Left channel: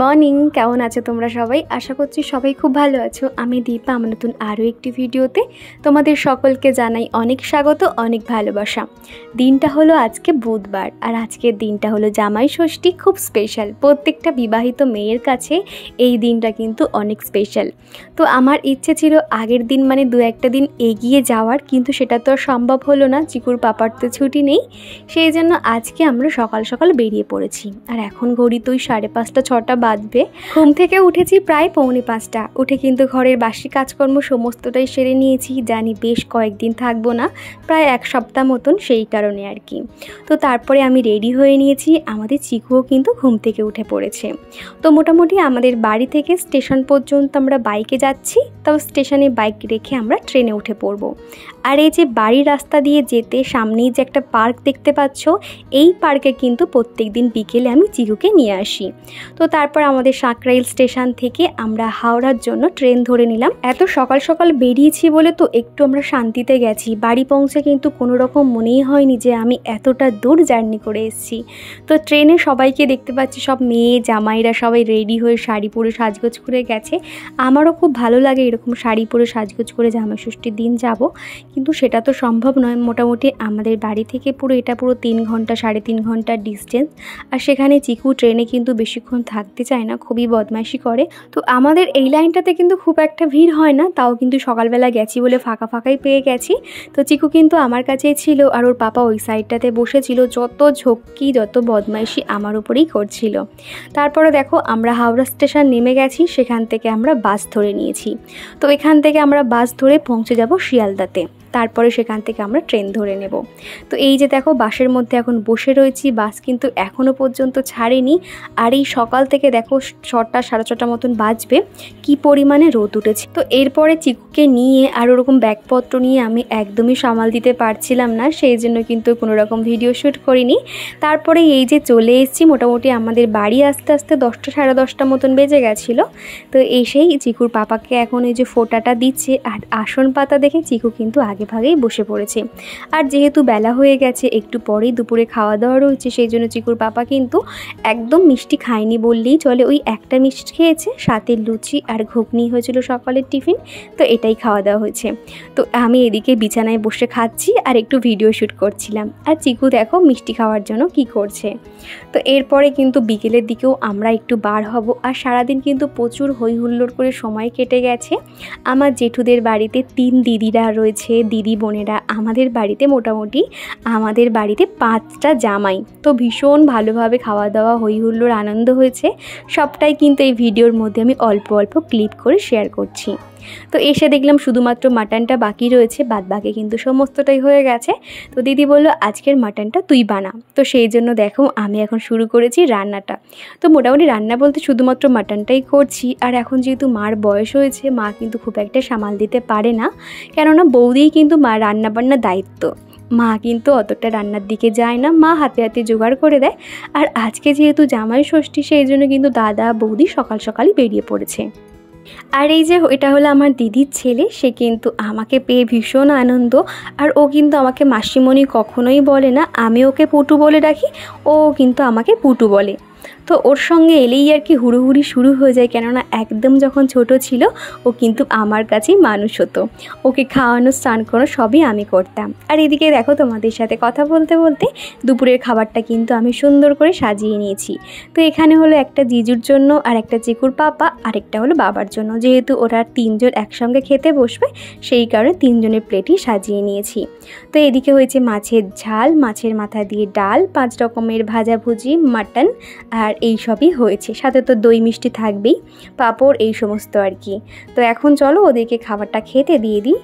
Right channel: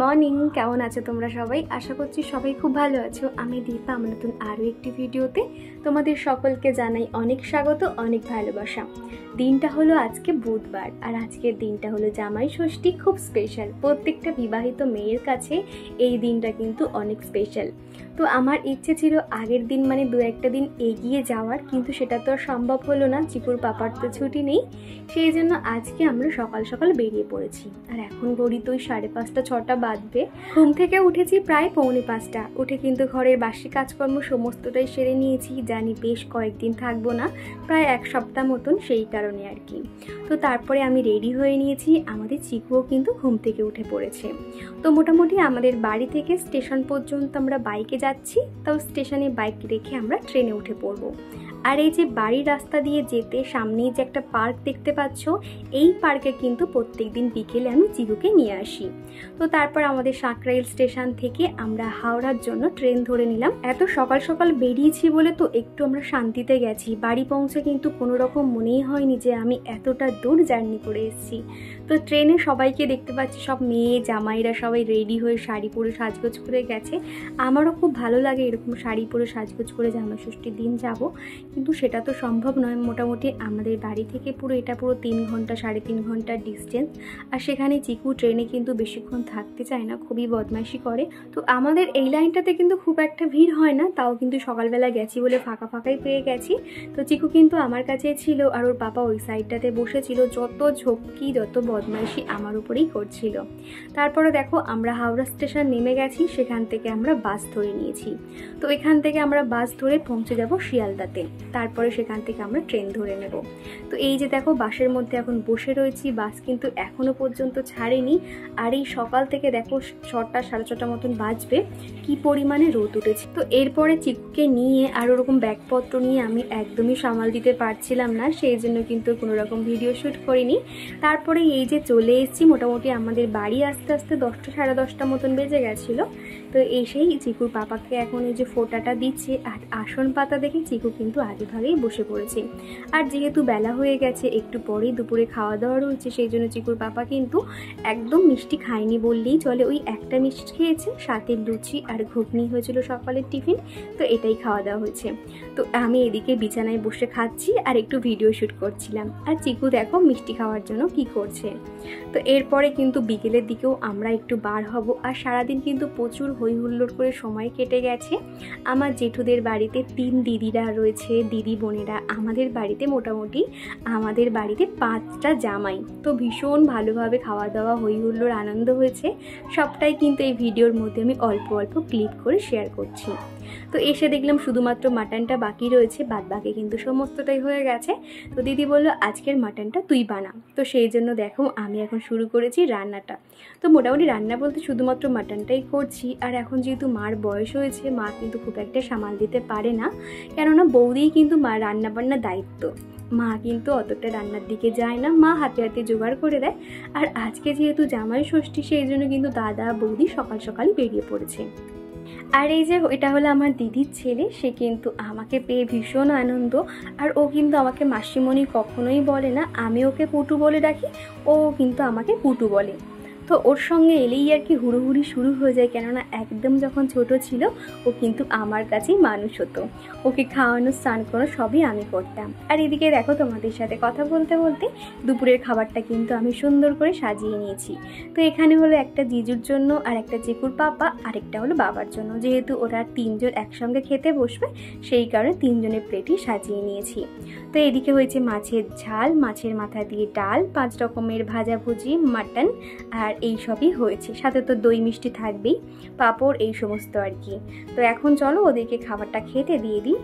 Morning, কেমন আছো তোমরা সবাই? আশা করছি সবাই খুব ভালো আছো। আমি দীপা, আমার নতুন আরও একটি ভিডিওতে তোমাদের সকলকে জানাই অনেক স্বাগত, অনেক ভালোবাসা। দিনটা হলো আজকে বুধবার, আর আজকের দিনটা হলো জামাই ষষ্ঠী। খুব স্পেশাল, প্রত্যেকটা বিবাহিত মেয়ের কাছে এই দিনটা কিন্তু অনেক স্পেশাল। তো আমার ইচ্ছে ছিল আগের দিন মানে দু একটা দিন এগিয়ে যাওয়ার, কিন্তু সেটা তো আর সম্ভব হলো না, চিকুর পাপার তো ছুটি নেই। সেই জন্য আজকে আমরা সকাল সকাল বেরিয়ে পড়েছি। আর এখন ঘড়ি তো 5:30-6টা বাজবে। ঘুম থেকে উঠেছি প্রায় 4:45। উঠে কিন্তু ঘরের বাসি কাজকর্ম সমস্তটাই সেরে নিয়েছি। জানি বেশ কয়েকদিন থাকবো না, প্রায় এক সপ্তাহ মতন, সেই কারণে আর কি। তো তারপরে আমি রেডি হয়ে নিয়েছি। আমাদের চিকুও কিন্তু ঘুম থেকে উঠে পড়েছে। তো মোটামুটি আমাদের বাড়ি থেকে স্টেশন পর্যন্ত আমরা বাইকে যাচ্ছি, তাও স্টেশনে বাইক রেখে আমরা ট্রেনে উঠে পড়বো। আর এই যে বাড়ির রাস্তা দিয়ে যেতে সামনেই যে একটা পার্ক দেখতে পাচ্ছ, এই পার্কে কিন্তু প্রত্যেক দিন বিকেলে আমি চিকুকে নিয়ে আসি। তো তারপর আমাদের সাঁকরাইল স্টেশন থেকে আমরা হাওড়ার জন্য ট্রেন ধরে নিলাম। এত সকাল সকাল বেরিয়েছি বলে তো একটু আমরা শান্তিতে গেছি। বাড়ি পৌঁছে কিন্তু কোনো রকম মনেই হয়নি যে আমি এতটা দূর জার্নি করে এসেছি। তো ট্রেনে সবাইকে দেখতে পাচ্ছি, সব মেয়ে জামাইরা সবাই রেডি হয়ে শাড়ি পরে সাজগোজ করে গেছে। আমারও খুব ভালো লাগে এরকম শাড়ি পরে সাজগোজ করে জামাই ষষ্ঠীর দিন যাব, কিন্তু সেটা তো সম্ভব নয়। মোটামুটি আমাদের বাড়ি থেকে এটা পুরো 3 ঘন্টা 3.5 ঘন্টার ডিস্টেন্স। আর সেখানে চিকু ট্রেনে কিন্তু বেশিক্ষণ থাকতে চায় না, খুবই বদমাইশি করে। তো আমাদের এই লাইনটাতে কিন্তু খুব একটা ভিড় হয় না, তাও কিন্তু সকালবেলা গেছি বলে ফাঁকা ফাঁকাই পেয়ে গেছি। তো চিকু কিন্তু আমার কাছেই ছিল, আর ওর পাপা ওই সাইডটাতে বসেছিল। যত ঝক্কি যত বদমাইশি আমার উপরেই করছিল। তারপরে দেখো আমরা হাওড়া স্টেশন নেমে গেছি, সেখান থেকে আমরা বাস ধরে নিয়েছি। তো এখান থেকে আমরা বাস ধরে পৌঁছে যাব শিয়ালদাতে, তারপরে সেখান থেকে আমরা ট্রেন ধরে নেব। তো এই যে দেখো বাসের মধ্যে এখন বসে রয়েছি, বাস কিন্তু এখনও পর্যন্ত ছাড়েনি। আর এই সকাল থেকে দেখো 6টা 6:30 মতন বাজবে, কি পরিমাণে রোদ উঠেছে। তো এরপরে চিকুকে নিয়ে আর ওরকম ব্যাগপত্র নিয়ে আমি একদমই সামাল দিতে পারছিলাম না, সেই জন্য কিন্তু কোনো রকম ভিডিও শ্যুট করিনি। তারপরে এই যে চলে এসেছি, মোটামুটি আমাদের বাড়ি আস্তে আস্তে 10টা 10:30 মতন বেজে গেছিলো। তো এসেই চিকুর পাপাকে এখন এই যে ফোঁটাটা দিচ্ছে, আর আসন পাতা দেখে চিকু কিন্তু আগে ভাগেই বসে পড়েছে। আর যেহেতু বেলা হয়ে গেছে, একটু পরেই দুপুরে খাওয়া দাওয়া রয়েছে, সেই জন্য চিকুর পাপা কিন্তু একদম মিষ্টি খায়নি বললেই চলে। ওই একটা মিষ্টি খেয়েছে, সাথে লুচি আর ঘুগনি হয়েছিল সকালের টিফিন, তো এটাই খাওয়া দাওয়া হয়েছে। তো আমি এদিকে বিছানায় বসে খাচ্ছি আর একটু ভিডিও শ্যুট করছিলাম। আর চিকু দেখো মিষ্টি খাওয়ার জন্য কি করছে। তো এরপরে কিন্তু বিকেলের দিকেও আমরা একটু বার হব। আর সারাদিন কিন্তু প্রচুর হই হুল্লোড় করে সময় কেটে গেছে। আমার জেঠুদের বাড়িতে 3 দিদিরা রয়েছে, দিদি বোনেরা। আমাদের বাড়িতে মোটামুটি আমাদের বাড়িতে 5টা জামাই। তো ভীষণ ভালোভাবে খাওয়া দাওয়া হই হুল্লোড় আনন্দ হয়েছে। সবটাই কিন্তু এই ভিডিওর মধ্যে আমি অল্প অল্প ক্লিপ করে শেয়ার করছি। তো এসে দেখলাম শুধুমাত্র মাটনটা বাকি রয়েছে, বাদ বাকি কিন্তু সমস্তটাই হয়ে গেছে। তো দিদি বলল আজকের মাটনটা তুই বানা। তো সেই জন্য দেখো আমি এখন শুরু করেছি রান্নাটা। তো মোটামুটি রান্না বলতে শুধুমাত্র মাটনটাই করছি। আর এখন যেহেতু মার বয়স হয়েছে, মা কিন্তু খুব একটা সামাল দিতে পারে না, কেননা বৌদিই কিন্তু মা রান্নাবান্নার দায়িত্ব। মা কিন্তু অতটা রান্নার দিকে যায় না, মা হাতে হাতে জোগাড় করে দেয়। আর আজকে যেহেতু জামাই ষষ্ঠী, সেই জন্য কিন্তু দাদা বৌদি সকাল সকালই বেরিয়ে পড়েছে। আর এই যে এটা হলো আমার দিদির ছেলে, সে কিন্তু আমাকে পেয়ে ভীষণ আনন্দ। আর ও কিন্তু আমাকে মাসিমণি কখনোই বলে না, আমি ওকে পুটু বলে ডাকি, ও কিন্তু আমাকে পুটু বলে। তো ওর সঙ্গে এলেই আর কি হুড়োহুড়ি শুরু হয়ে যায়, কেননা একদম যখন ছোট ছিল ও কিন্তু আমার কাছেই মানুষ হতো। ওকে খাওয়ানো স্নান করানো সবই আমি করতাম। আর এদিকে দেখো তোমাদের সাথে কথা বলতে বলতে দুপুরের খাবারটা কিন্তু আমি সুন্দর করে সাজিয়ে নিয়েছি। তো এখানে হলো একটা জিজুর জন্য, আর একটা চিকুর পাপা, আরেকটা হলো বাবার জন্য। যেহেতু ওরা 3 জন একসঙ্গে খেতে বসবে, সেই কারণে 3 জনের প্লেটই সাজিয়ে নিয়েছি। তো এদিকে হয়েছে মাছের ঝাল, মাছের মাথা দিয়ে ডাল, 5 রকমের ভাজাভুজি, মাটন, আর এই সবই হয়েছে। সাথে তো দই মিষ্টি থাকবেই, পাঁপড়, এই সমস্ত আর কি। তো এখন চলো ওদেরকে খাবারটা খেতে দিয়ে দিই।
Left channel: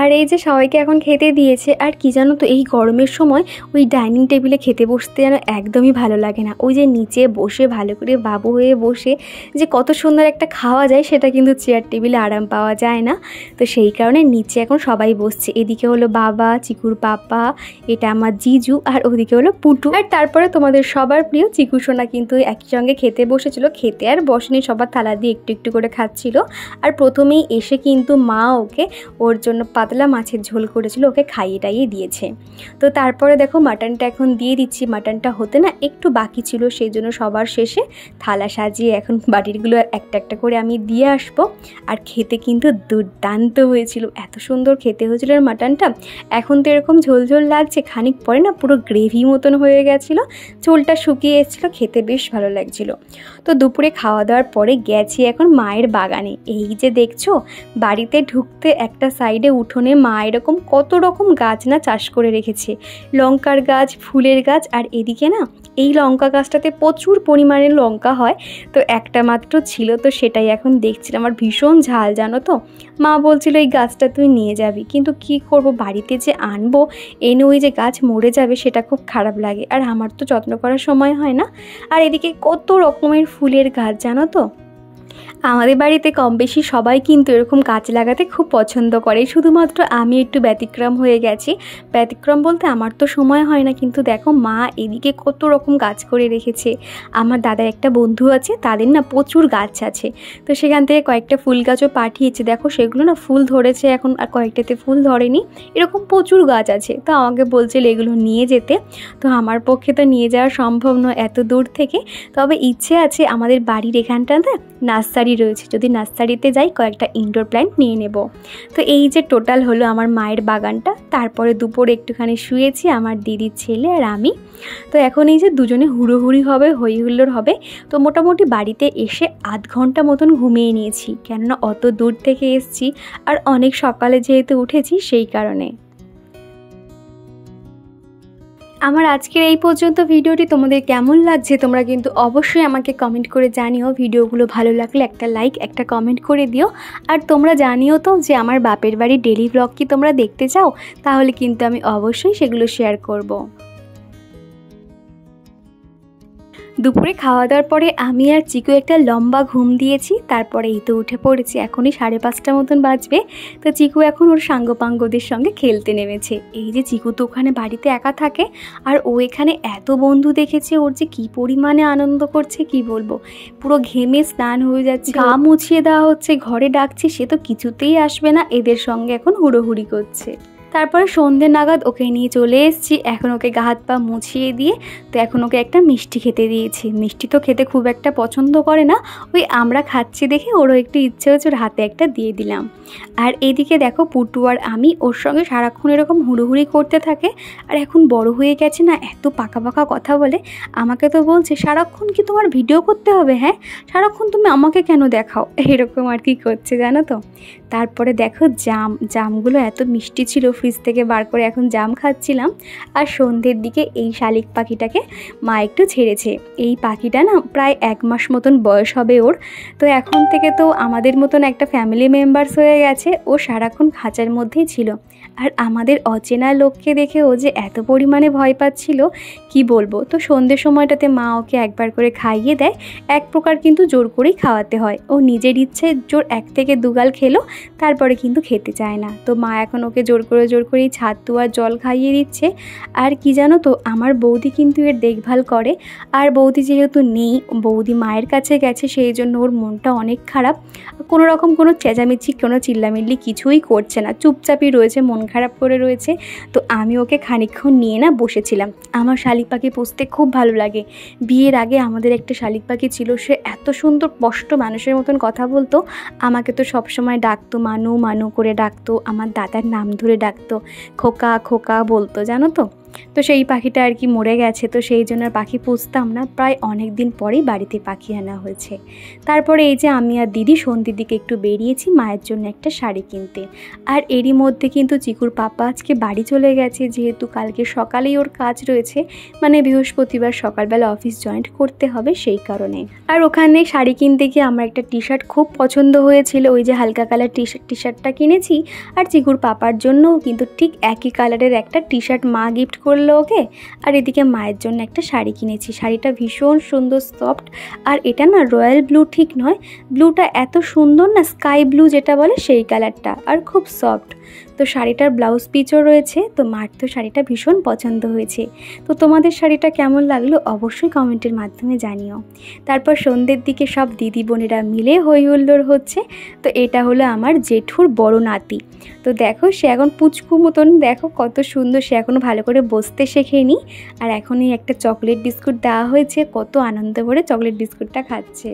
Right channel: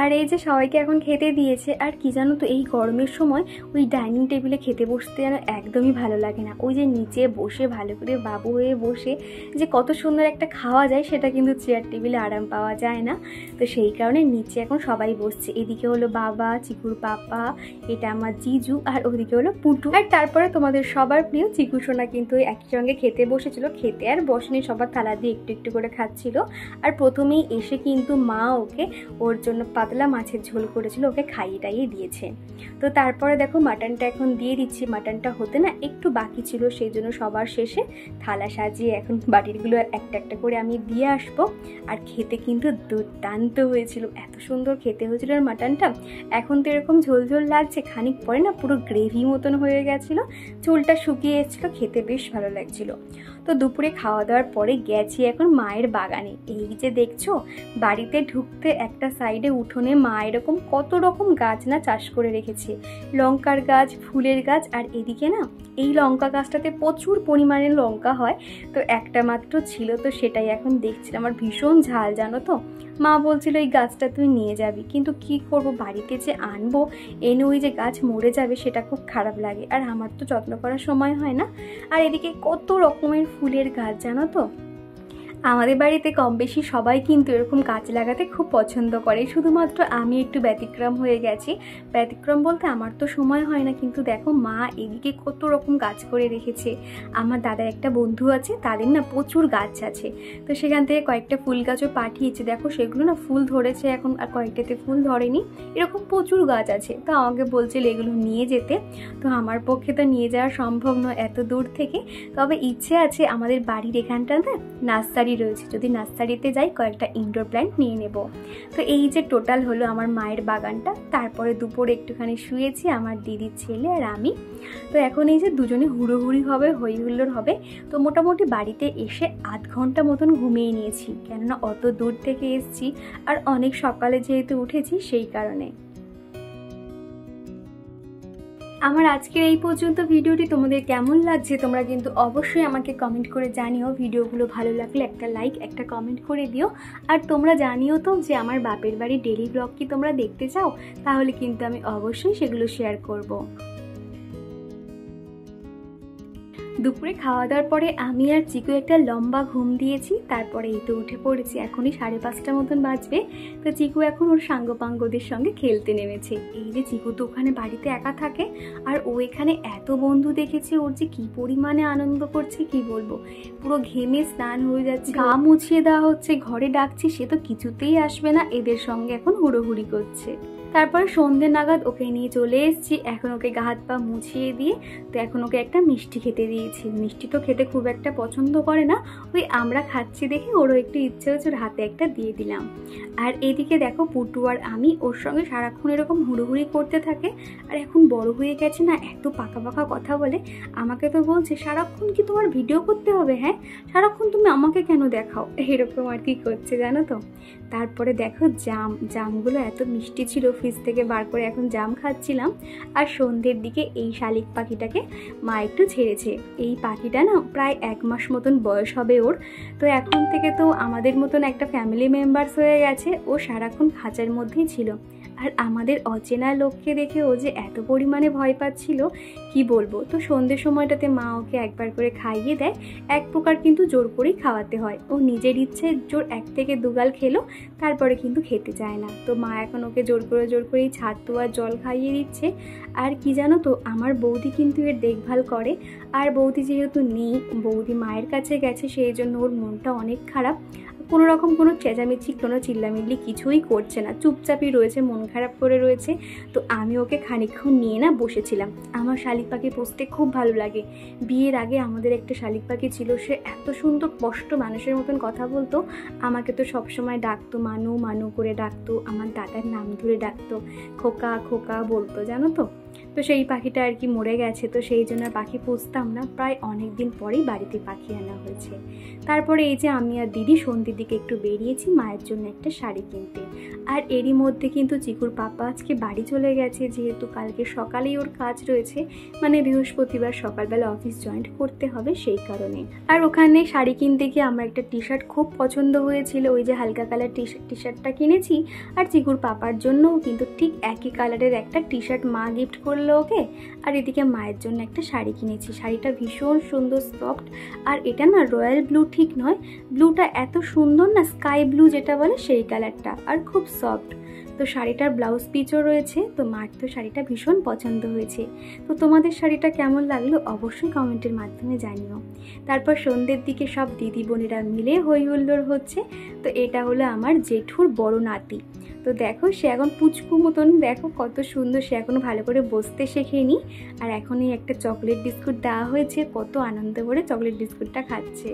আর এই যে সবাইকে এখন খেতে দিয়েছে। আর কি জানো তো, এই গরমের সময় ওই ডাইনিং টেবিলে খেতে বসতে যেন একদমই ভালো লাগে না। ওই যে নিচে বসে ভালো করে বাবু হয়ে বসে যে কত সুন্দর একটা খাওয়া যায়, সেটা কিন্তু চেয়ার টেবিলে আরাম পাওয়া যায় না। তো সেই কারণে নিচে এখন সবাই বসছে। এদিকে হলো বাবা, চিকুর পাপা, এটা আমার জিজু, আর ওদিকে হলো পুটু। আর তারপরে তোমাদের সবার প্রিয় চিকু সোনা কিন্তু একই সঙ্গে খেতে বসেছিল। খেতে আর বসেনি, সবার থালা দিয়ে একটু একটু করে খাচ্ছিল। আর প্রথমেই এসে কিন্তু মা ওকে ওর জন্য পাতলা মাছের ঝোল করেছিল, ওকে খাইয়ে টাইয়ে দিয়েছে। তো তারপরে দেখো মাটনটা এখন দিয়ে দিচ্ছি। মাটনটা হতে না একটু বাকি ছিল, সেই জন্য সবার শেষে থালা সাজিয়ে এখন বাটিরগুলো একটা একটা করে আমি দিয়ে আসবো। আর খেতে কিন্তু দুর্দান্ত হয়েছিল, এত সুন্দর খেতে হয়েছিল আর মাটনটা। এখন তো এরকম ঝোল ঝোল লাগছে, খানিক পরে না পুরো গ্রেভি মতন হয়ে গেছিলো, ঝোলটা শুকিয়ে এসেছিলো, খেতে বেশ ভালো লাগছিলো। তো দুপুরে খাওয়া দাওয়ার পরে গেছি এখন মায়ের বাগানে। এই যে দেখছো, বাড়িতে ঢুকতে একটা সাইডে উঠোনে মা এরকম কত রকম গাছ না চাষ করে রেখেছে, লঙ্কার গাছ, ফুলের গাছ। আর এদিকে না এই লঙ্কা গাছটাতে প্রচুর পরিমাণে লঙ্কা হয়, তো একটা মাত্র ছিল, তো সেটাই এখন দেখছিলাম। আর ভীষণ ঝাল জানো তো। মা বলছিল এই গাছটা তুই নিয়ে যাবি, কিন্তু কি করব, বাড়িতে যে আনবো এনে ওই যে গাছ মরে যাবে সেটা খুব খারাপ লাগে, আর আমার তো যত্ন করার সময় হয় না। আর এদিকে কত রকমের ফুলের গাছ জানো তো। আমাদের বাড়িতে কম বেশি সবাই কিন্তু এরকম গাছ লাগাতে খুব পছন্দ করে, শুধুমাত্র আমি একটু ব্যতিক্রম হয়ে গেছি। ব্যতিক্রম বলতে আমার তো সময় হয় না, কিন্তু দেখো মা এদিকে কত রকম গাছ করে রেখেছে। আমার দাদার একটা বন্ধু আছে, তাদের না প্রচুর গাছ আছে, তো সেখান থেকে কয়েকটা ফুল গাছও পাঠিয়েছে। দেখো সেগুলো না ফুল ধরেছে এখন, আর কয়েকটাতে ফুল ধরেনি, এরকম প্রচুর গাছ আছে। তো আমাকে বলছিল এগুলো নিয়ে যেতে, তো আমার পক্ষে তো নিয়ে যাওয়া সম্ভব নয় এত দূর থেকে। তবে ইচ্ছে আছে, আমাদের বাড়ির এখানটাতে নার্সারি রয়েছে, যদি নার্সারিতে যাই কয়েকটা ইনডোর প্ল্যান্ট নিয়ে নেব। তো এই যে টোটাল হলো আমার মায়ের বাগানটা। তারপরে দুপুরে একটুখানি শুয়েছি আমার দিদির ছেলে আর আমি। তো এখন এই যে দুজনে হুড়োহুড়ি হবে, হই হুল্লোড় হবে। তো মোটামুটি বাড়িতে এসে আধ ঘন্টা মতন ঘুমিয়ে নিয়েছি, কেননা অত দূর থেকে এসছি আর অনেক সকালে যেহেতু উঠেছি সেই কারণে। আমার আজকের এই পর্যন্ত ভিডিওটি তোমাদের কেমন লাগছে তোমরা কিন্তু অবশ্যই আমাকে কমেন্ট করে জানিও। ভিডিওগুলো ভালো লাগলে একটা লাইক, একটা কমেন্ট করে দিও। আর তোমরা জানিও তো যে আমার বাপের বাড়ির ডেলি ব্লগ কি তোমরা দেখতে চাও, তাহলে কিন্তু আমি অবশ্যই সেগুলো শেয়ার করব। দুপুরে খাওয়া দাওয়ার পরে আমি আর চিকু একটা লম্বা ঘুম দিয়েছি, তারপরে এই তো উঠে পড়েছি, এখনই 5:30 মতন বাজবে। তো চিকু এখন ওর সাঙ্গপাঙ্গদের সঙ্গে খেলতে নেমেছে। এই যে চিকু তো ওখানে বাড়িতে একা থাকে, আর ও এখানে এত বন্ধু দেখেছে, ওর যে কী পরিমাণে আনন্দ করছে কি বলবো। পুরো ঘেমে স্নান হয়ে যাচ্ছে, গা মুছিয়ে দেওয়া হচ্ছে, ঘরে ডাকছি সে তো কিছুতেই আসবে না, এদের সঙ্গে এখন হুড়োহুড়ি করছে। তারপরে সন্ধে নাগাদ ওকে নিয়ে চলে এসেছি, এখন ওকে গা হাত পা মুছিয়ে দিয়ে তো এখন ওকে একটা মিষ্টি খেতে দিয়েছি। মিষ্টি তো খেতে খুব একটা পছন্দ করে না, ওই আমরা খাচ্ছি দেখে ওরও একটু ইচ্ছে হচ্ছে, ওর হাতে একটা দিয়ে দিলাম। আর এদিকে দেখো পুটু আর আমি ওর সঙ্গে সারাক্ষণ এরকম হুড়োহুড়ি করতে থাকে। আর এখন বড় হয়ে গেছে না, এত পাকা পাকা কথা বলে। আমাকে তো বলছে সারাক্ষণ কি তোমার ভিডিও করতে হবে, হ্যাঁ সারাক্ষণ তুমি আমাকে কেন দেখাও, এরকম আর কি করছে জানো তো। তারপরে দেখো জামগুলো এত মিষ্টি ছিল, ফ্রিজ থেকে বার করে এখন জাম খাচ্ছিলাম। আর সন্ধ্যের দিকে এই শালিক পাখিটাকে মা একটু ছেড়েছে। এই পাখিটা না প্রায় 1 মাস মতন বয়স হবে ওর। তো এখন থেকে তো আমাদের মতন একটা ফ্যামিলি মেম্বার্স হয়ে গেছে, ও সারাক্ষণ খাঁচার মধ্যেই ছিল। আর আমাদের অচেনা লোককে দেখে ও যে এত পরিমাণে ভয় পাচ্ছিল কি বলবো। তো সন্ধ্যের সময়টাতে মা ওকে একবার করে খাইয়ে দেয়, এক প্রকার কিন্তু জোর করেই খাওয়াতে হয়। ও নিজের ইচ্ছে জোর 1 থেকে 2 গাল খেলো, তারপরে কিন্তু খেতে চায় না। তো মা এখন ওকে জোর করেই ছাতু আর জল খাইয়ে দিচ্ছে। আর কি জানো তো, আমার বৌদি কিন্তু এর দেখভাল করে। আর বৌদি যেহেতু নেই, বৌদি মায়ের কাছে গেছে, সেই জন্য ওর মনটা অনেক খারাপ। কোনো রকম কোনো চেঁচামেচি, কোনো চিল্লামিল্লি কিছুই করছে না, চুপচাপই রয়েছে, মন খারাপ করে রয়েছে। তো আমি ওকে খানিকক্ষণ নিয়ে না বসেছিলাম। আমার শালিক পাখি পুষতে খুব ভালো লাগে। বিয়ের আগে আমাদের একটা শালিক পাখি ছিল, সে এত সুন্দর স্পষ্ট মানুষের মতন কথা বলতো। আমাকে তো সবসময় ডাকতো, মানু মানু করে ডাকতো, আমার দাদার নাম ধরে ডাকতো, খোকা খোকা বলতো জানো তো। তো সেই পাখিটা আর কি মরে গেছে, তো সেই জন্য আর পাখি পুষতাম না। প্রায় অনেক দিন পরেই বাড়িতে পাখি আনা হয়েছে। তারপরে এই যে আমি আর দিদি সন্ধ্যের দিকে একটু বেরিয়েছি মায়ের জন্য একটা শাড়ি কিনতে। আর এরই মধ্যে কিন্তু চিকুর পাপা আজকে বাড়ি চলে গেছে, যেহেতু কালকে সকালেই ওর কাজ রয়েছে, মানে বৃহস্পতিবার সকালবেলা অফিস জয়েন্ট করতে হবে সেই কারণে। আর ওখানে শাড়ি কিনতে গিয়ে আমার একটা টি শার্ট খুব পছন্দ হয়েছিল, ওই যে হালকা কালার টি শার্টটা কিনেছি। আর চিকুর পাপার জন্যও কিন্তু ঠিক একই কালারের একটা টি শার্ট মা গিফট করলো ওকে। আর এদিকে মায়ের জন্য একটা শাড়ি কিনেছি, শাড়িটা ভীষণ সুন্দর, সফট। আর এটা না রয়্যাল ব্লু ঠিক নয়, ব্লুটা এত সুন্দর না, স্কাই ব্লু যেটা বলে সেই কালারটা, আর খুব সফট। তো শাড়িটার ব্লাউজ পিচও রয়েছে। তো মার তো শাড়িটা ভীষণ পছন্দ হয়েছে। তো তোমাদের শাড়িটা কেমন লাগলো অবশ্যই কমেন্টের মাধ্যমে জানিও। তারপর সন্ধ্যের দিকে সব দিদি বোনেরা মিলে হই হুল্লোড় হচ্ছে। তো এটা হলো আমার জেঠুর বড় নাতি। তো দেখো সে এখন পুচকু মতন, দেখো কত সুন্দর, সে এখনও ভালো করে বসতে শেখেনি। আর এখনই একটা চকলেট বিস্কুট দেওয়া হয়েছে, কত আনন্দ করে চকলেট বিস্কুটটা খাচ্ছে।